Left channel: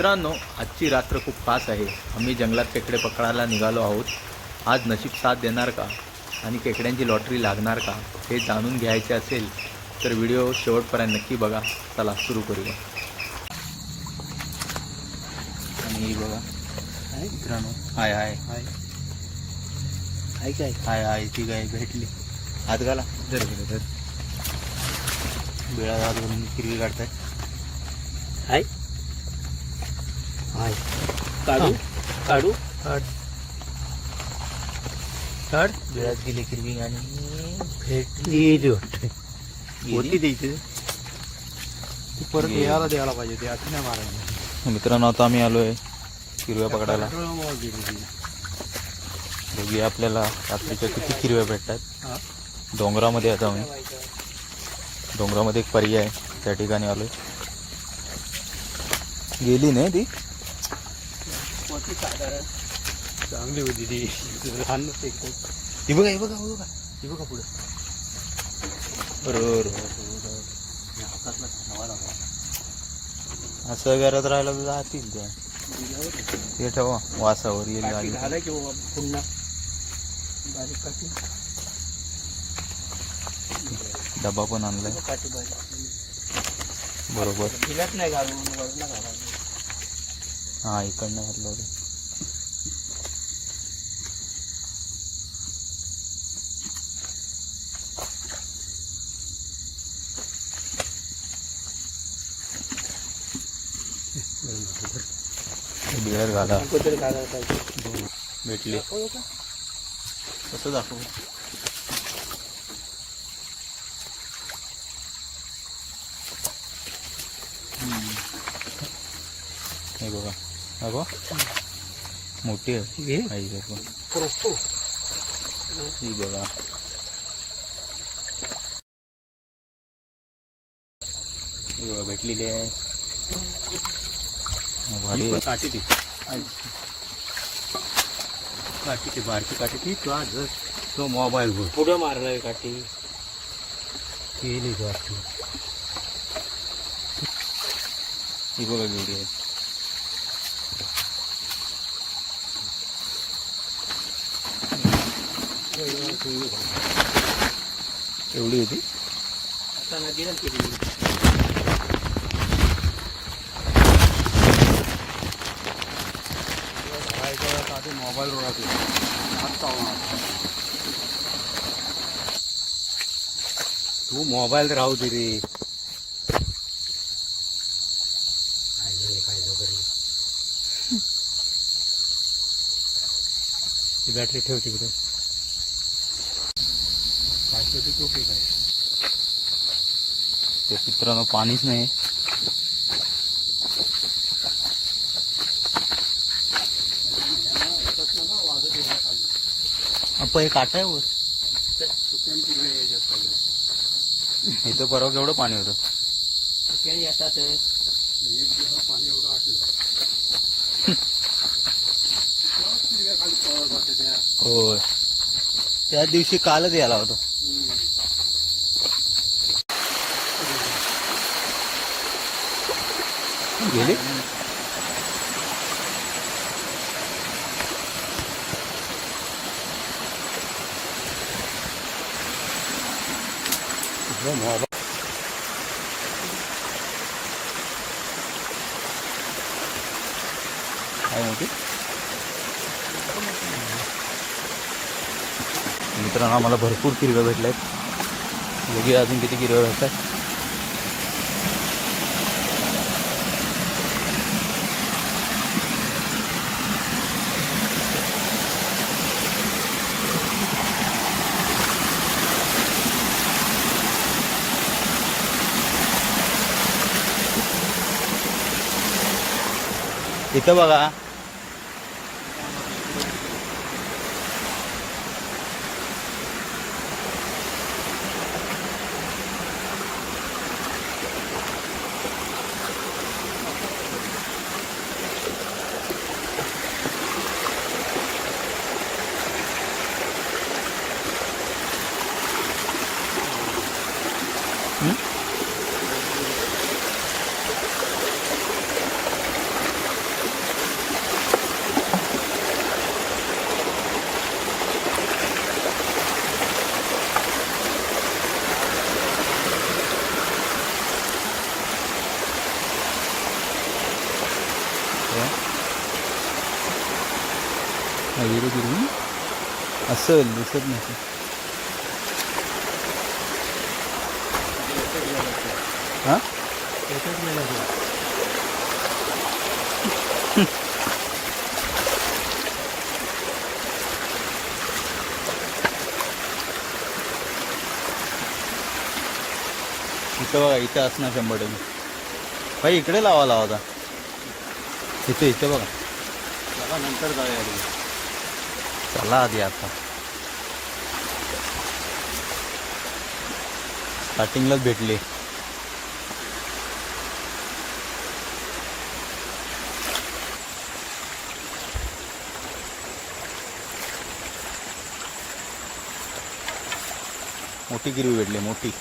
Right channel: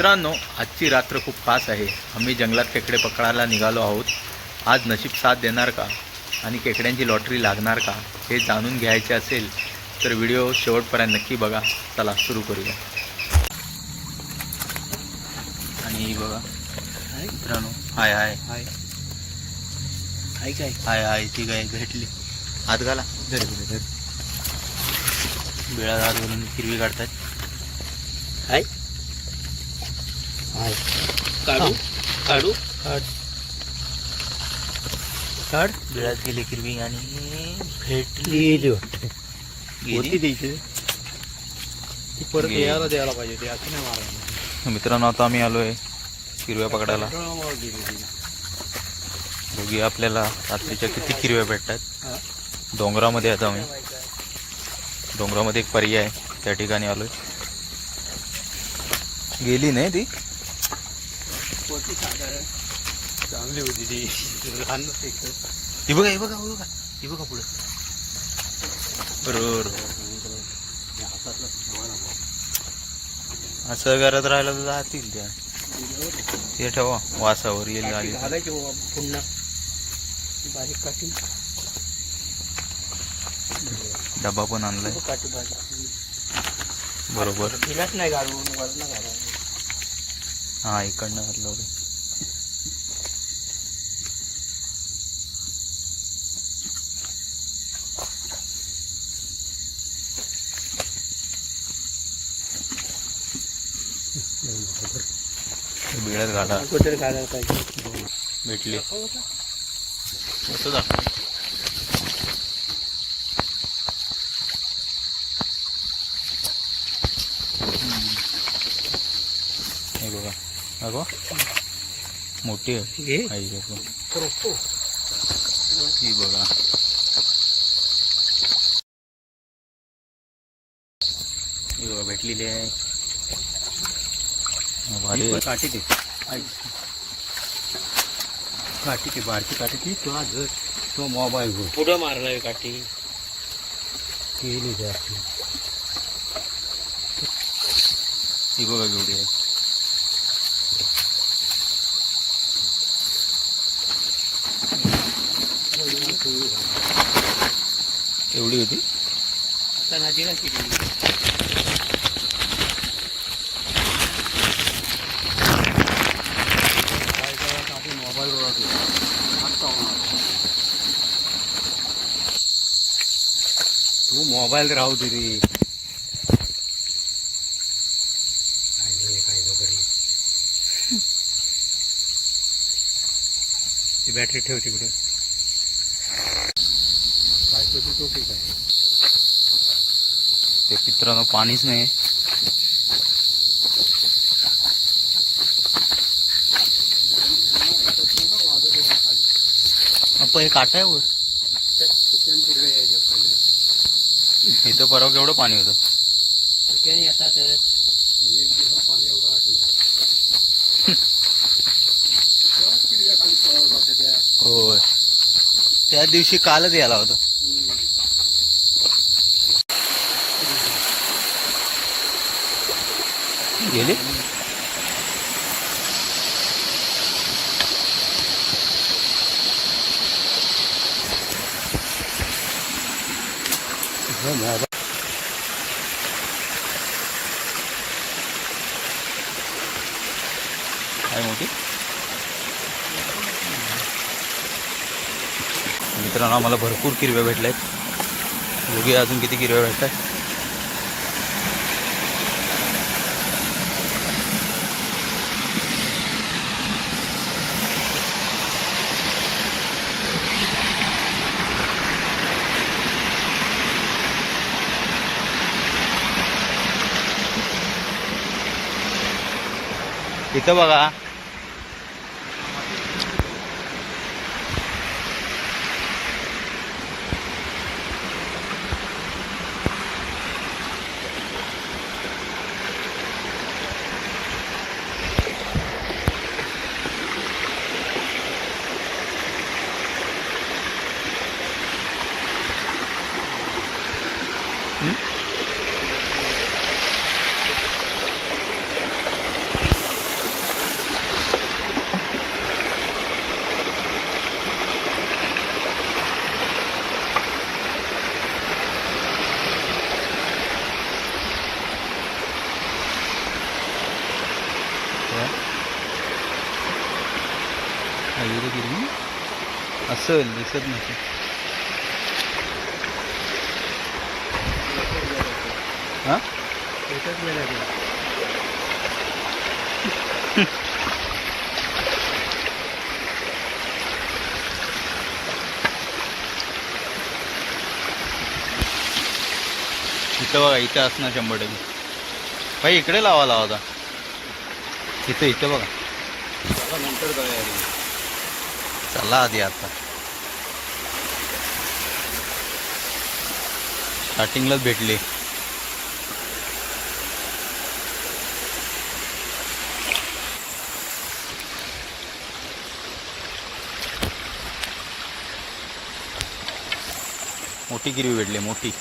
मित्रांनो, आजची रात्र खूप खास आहे. आम्ही जंगलात खेकडे पकडायला निघालो आहोत. आज नशीब साथ देणार का आणि खेकड्यांची लॉटरी लागणार का हे जाणून घ्यायचे असेल तर व्हिडिओ शेवटपर्यंत नक्की बघा. चला सुरू करूया. आणि बघा मित्रांनो, हाय हाय हाय हाय काय हाय हाय ती काय भेटली. हात घाला. बिळात हात घालून हिरवी काढतात. हाय हाय काढू काढू काढ. बिळात गेली हिरवी आणि भेटली. गेली वाटते होती द्यायची. ती परत यायला द्यायला पाहिजे ते असं नाही मारायला. मित्रांनो, आता आम्ही आलोय हिरव्या पकडायला. बघूया आपल्याला रात्रीच्या किती हिरव्या भेटतात. डोंगरामध्ये आता आम्ही डोंगरामध्ये एक पर्याय आहे, त्या ठिकाणी आलोय. गेली नाही ती. चांगली होती ती लहान. ही बघा ही बघा बघा ही बघा पुढे. बरोबर असं करत राहिलं तर जातील त्या. ते ठेवा वासावर येईल आली पुन्हा बारीक काठी डबा पण आणलाय. बरोबर. नाही घालून हा इकडनं घातलं होतं. बिळात घाला. भेटली असं दाखव. हे बघा अगो मोठी आहे. ही बघा ही बघा भेटलेली आहे. भारी काठी ती काठी ती बारकी काठी ती तो मोबाईल वर पुढं मारलाय काठी केली काठी. ही बघा केवढी आहे. एवढी होती. आता नदीला केली. मोबाईल वर तू मोबाईल राहू दे रे. काय वगैरे ती बॅटरी ठेव तिकडे. ते मित्रांनो पाणीच नाही. आपण काटा आहे वर. इथं परवा केवढं पाणी होतं. येतात पाणी एवढं होय, त्या दिवशी कालच यायला होतं. गेली. काय मोठी. मित्रांनो, आम्हाला भरपूर किरव्या भेटल्या आहेत. बघूया अजून किती किरव्या भेटतात. इथं बघा. हिरवी असेल दिसत नसेल. हा इथं बघा, इथं असणार 100%. भाई इकडे लावा होता. इथं बघा. नंतर काय चला आधी आता स्टार्टिंगलाच भेटले. मोठी गिरवी भेटली, मोठी.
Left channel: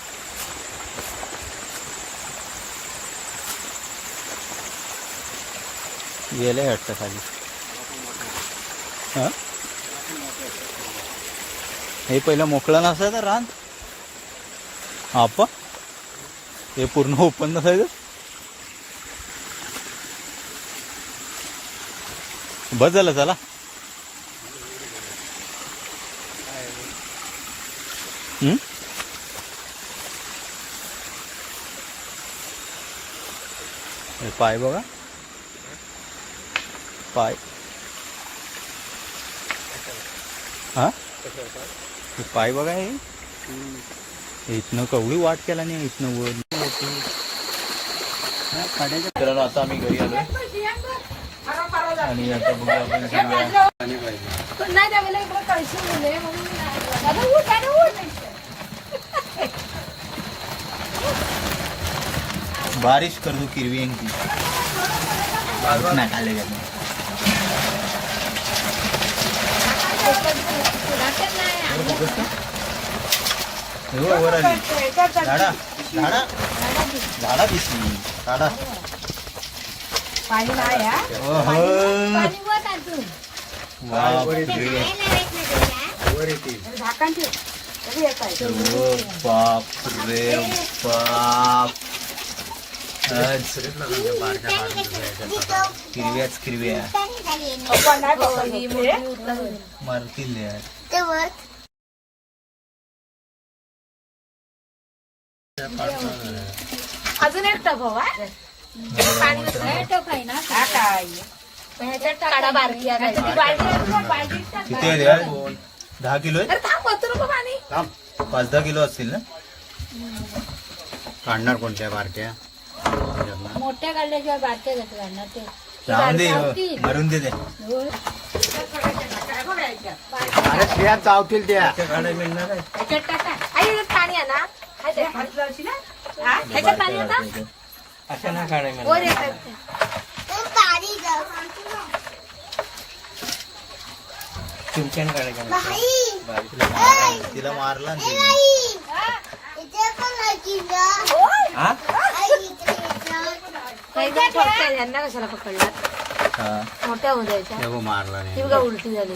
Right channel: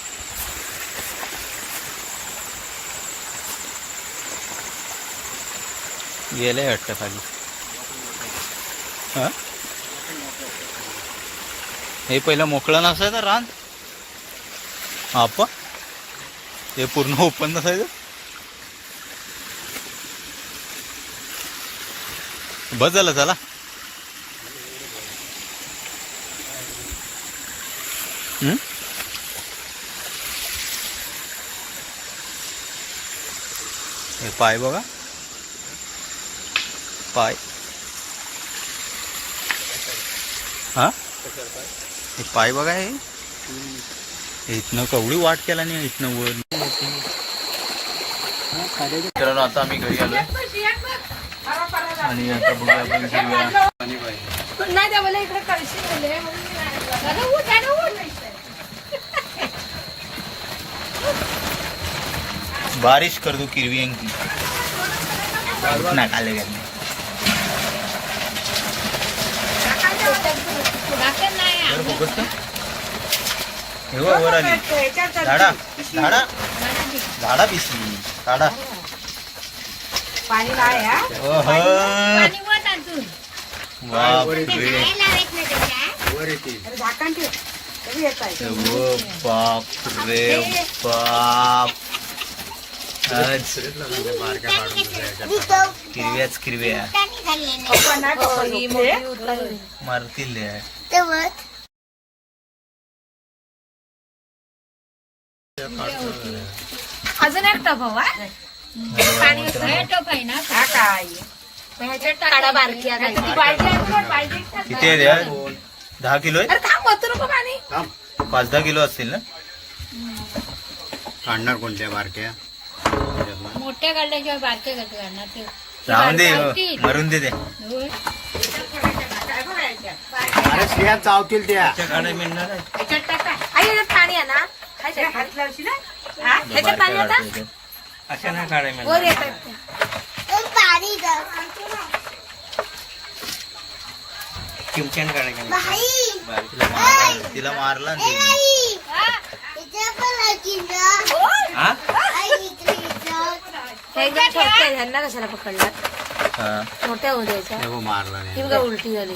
गेले वाटतं खाली. हा हे पहिलं मोकळं नसायचं रान. आपा हे पूर्ण ओपन नसायचं. बस झालं चला. हे पाय बघा, पाय. हा हे पाय बघा. हे इथनं कवडी वाट केला नाही इथनं वर. मित्रांनो आता आम्ही घरी आलोय आणि आता बघूया आपण हिरव्या. बारिश कर दू किरवी की नाही आले हे वर आली. झाडा झाडा झाडा पिसली काढा. बाप रे बाप. किरव्याच किरव्या मारतील. अजून एक टप हवा. किती आहे द्या? 10 किलो आहे. 5-10 किलो असतील ना. काढणार कोणत्या बारक्या? मोठ्या काढल्या किंवा बारक्या काढणार ते राहून दे, मरून दे ते. अरे शिया चावतील त्या. पाणी आहे ना ह्याच्यात पाणी आता अशा ना काढाय वर येतात चिमच्यान काढाय. तिला मारला ना यांना कशाला पकडला. मोठ्या होऊ द्यायच्या. मारला ती बघा उलटी झाली.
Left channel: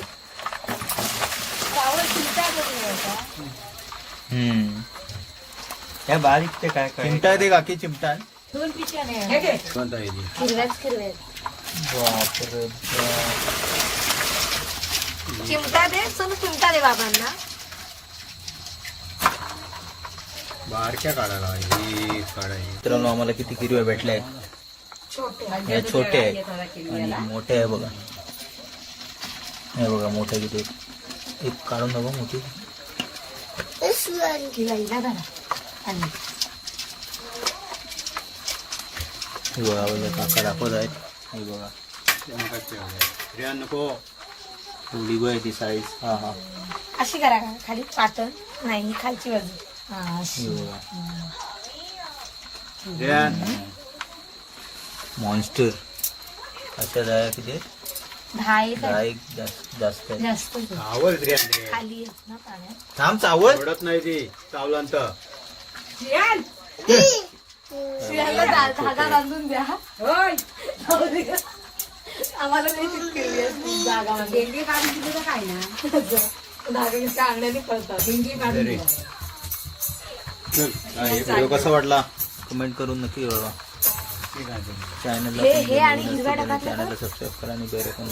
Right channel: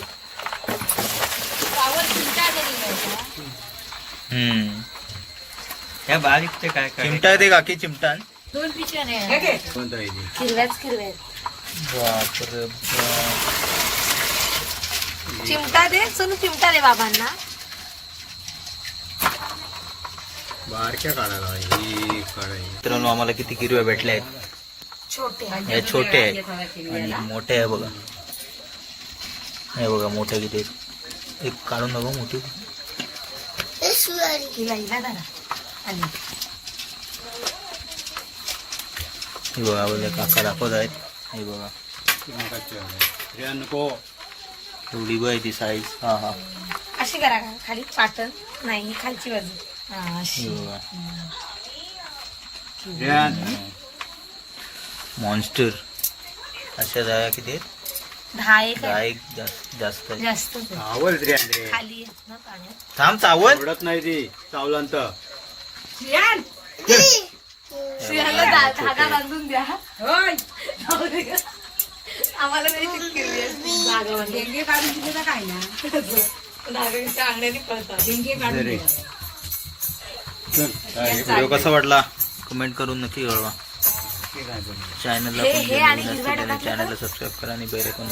त्या बारीक ते काय चिमटा दे काकी. चिमटा 2 पिशव्या नाही कोणता आहे ती? हिरव्याच हिरव्या. बापरे. चिमटा दे सोनू, चिमटा दे बाबांना. बारक्या काढायला ही काढायची. मित्रांनो आम्हाला किती किरव्या भेटल्या आहेत. छोटे हे छोटे आहेत आणि मोठे आहे बघा. हे बघा मोठे किती आहेत. एक काढून बघा मोठी. हिला दादा आणि हे बघा बघा काका दाखवत आहेत. हे बघा नको एवढी बघ ती साईज. हा हा अशी करा का खाली पातळ नाही खालची बाजू. हे बघा मॉन्स्टर. अशा दया किती आहेत? 10 एक जास्त आहे. जास्त आवड रे खाली येत ना पाण्यात. थांब चावल. आवडत नाही ती चावलांत. धागा बांधून द्या. आम्हाला जागा डेंगे काढून दिले काय ना. धागा अंगण्याने पळतात. डेंगे काढून व्हिडिओ कसा वाटला कमेंट करून नक्की कळवा. चॅनलला हे- पण हे आणि नवीन हिरव्या असतील त्याने डब्यातलं चॅनलला सबस्क्राईब करा आणि बेल आयकॉन